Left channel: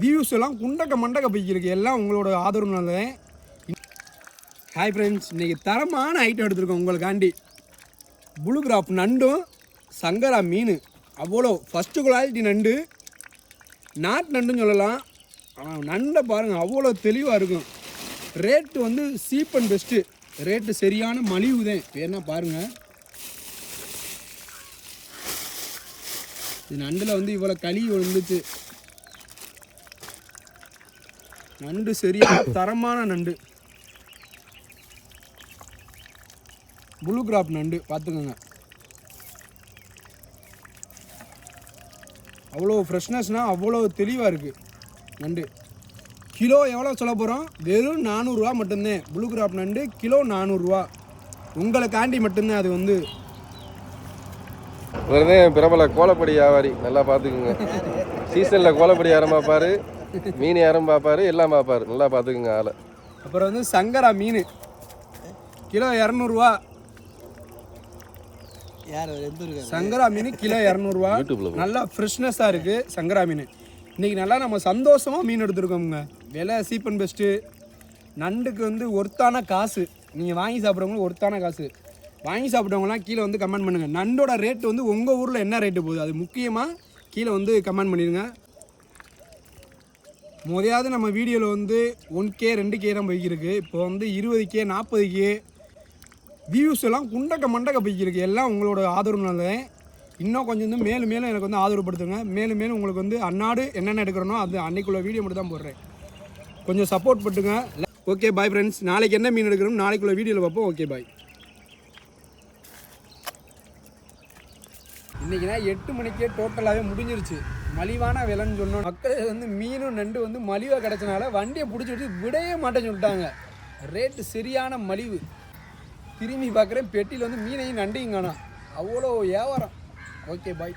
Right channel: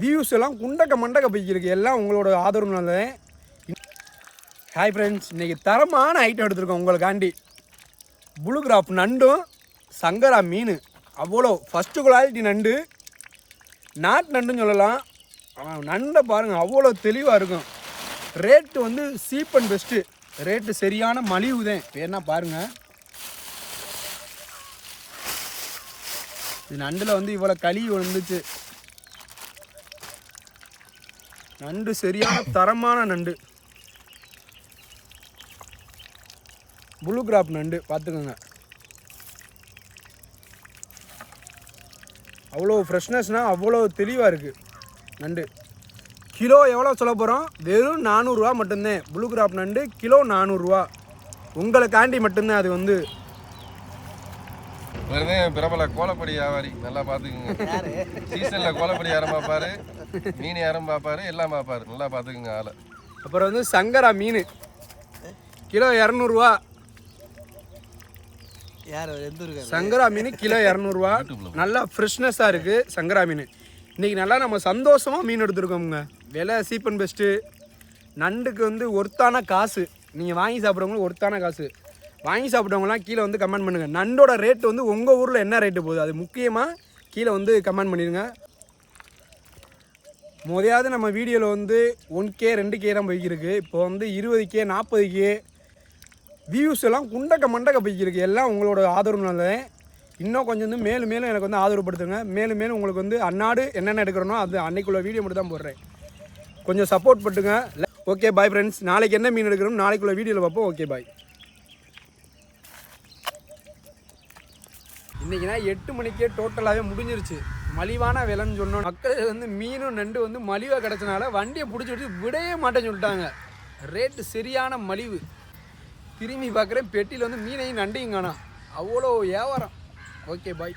Views எல்லாம் குண்டக்க மண்டக்க போய்க்கிருக்கு. எல்லாம் உங்களோட ஆதரவுனால. ஹாய் ஃப்ரெண்ட்ஸ், இன்றைக்கி தரமான ஐட்டம் எடுத்துருக்கோம் உங்களுக்காண்டி. ப்ளூ கிராப் நண்டும் சங்கரா மீன். அவ்வளோ ஃபஸ்ட்டு குவாலிட்டி நண்டு, நாட்டு நண்டுன்னு சொல்லலாம். நண்டை பாருங்கள், அவ்வளோ தெளிவாக இருக்கும். ரேட்டு வந்து சீப் அண்ட் பெஸ்ட்டு. ரேட்டு சரியான மலிவு தான். வேணா பாருங்கள், இது நண்டில் வந்து இவ்வளோ களி வந்துச்சு. நண்டு சரியான தரமான நண்டு, ப்ளூ கிராப் நண்டு பார்த்துக்கோங்க. அவ்வளோ ஃப்ரெஷ்னஸ்னால் அவ்வளோ தெளிவாக இருக்குது நண்டு. கிலோ எவ்வளோ சொல்ல போகிறோம்? வெறும் 400 மட்டும்தான். ப்ளூ கிராப் நண்டு கிலோ 400. உங்களுக்காண்டி மட்டும்தான். அது வந்து பிரபல கோலப்படி வியாபாரி, நல்லா பார்த்துக்குங்க. சீசனில் கோலப்படி யாரும் பார்ப்பாரு, மீன் யாரும் பார்ப்பாரு, எல்லாம் பார்ப்பாரு. நல்லா பார்த்துக்குங்க ஆளை. அப்புறம் வந்து சங்கரா மீன் கிலோ 200. சங்கரா மீன் கிலோ 200. நல்லா ஃப்ரெஷ்னஸாக இருக்குது சங்கரா மீன். இன்றைக்கி நல்லா நம்ம சந்தோஷமாக மீன் எடுத்துருக்கோமுங்க. விலை சீப் அண்ட் பெஸ்ட்டு. நண்டுக்கு வந்து ஒர்த்தான காசு. நீங்கள் வாங்கி சாப்பிட்றவங்களுக்கு ஒர்த்தான காசு. வாங்கி சாப்பிட்றவங்களாம் கீழே வந்து கமெண்ட் பண்ணுங்கள். நண்டோட ரேட்டு வந்து உங்கள் ஊரில் என்ன ரேட்டு போகுது, அது முக்கியமாக கீழே வந்து கமெண்ட் பண்ணிடுங்க. முதலாவது நம்ம வீடியோவில் வந்து 1K 2K தான் போய்க்கிருக்கு. இப்போ வந்து 20K 40K வியூஸ் எல்லாம் குண்டக்க மண்டக்க போய்க்கிருக்கு. எல்லாம் உங்களோட ஆதரவுனால. இன்னும் கொஞ்சம் வந்து மேலும் மேலும் எனக்கு வந்து ஆதரவுப்படுத்துங்க. மேலும் மேலும் உங்களுக்கு வந்து அன்னாடு என்னென்ன எடுக்கிறனோ அது அன்னைக்குள்ள வீடியோ மட்டும் தான் போடுறேன். கொஞ்சம் சப்போர்ட் பண்ணுங்க. Okay bye friends. நாளைக்கு என்ன மீன் எடுக்கிறோம் நாளைக்குள்ள வீடியோவில் பார்ப்போம். Okay bye. இன்றைக்கினா 8 மணிக்கே டோட்டலாகவே முடிஞ்சிருச்சு. மலிவான விலைன்னு சொன்னோம். மக்கள் வந்து மீனும் நண்டு வந்து மலிவாக கிடச்சனால வண்டியை பிடிச்சி விட்டு விடவே மாட்டேன்னு சொல்லிட்டாங்க. ரேட்டு சரியான மலிவு. திரும்பி பார்க்குறேன், பெட்டியில் வந்து மீனையும் நண்டையும் காணோம். அவ்வளோ வியாபாரம். Okay bye.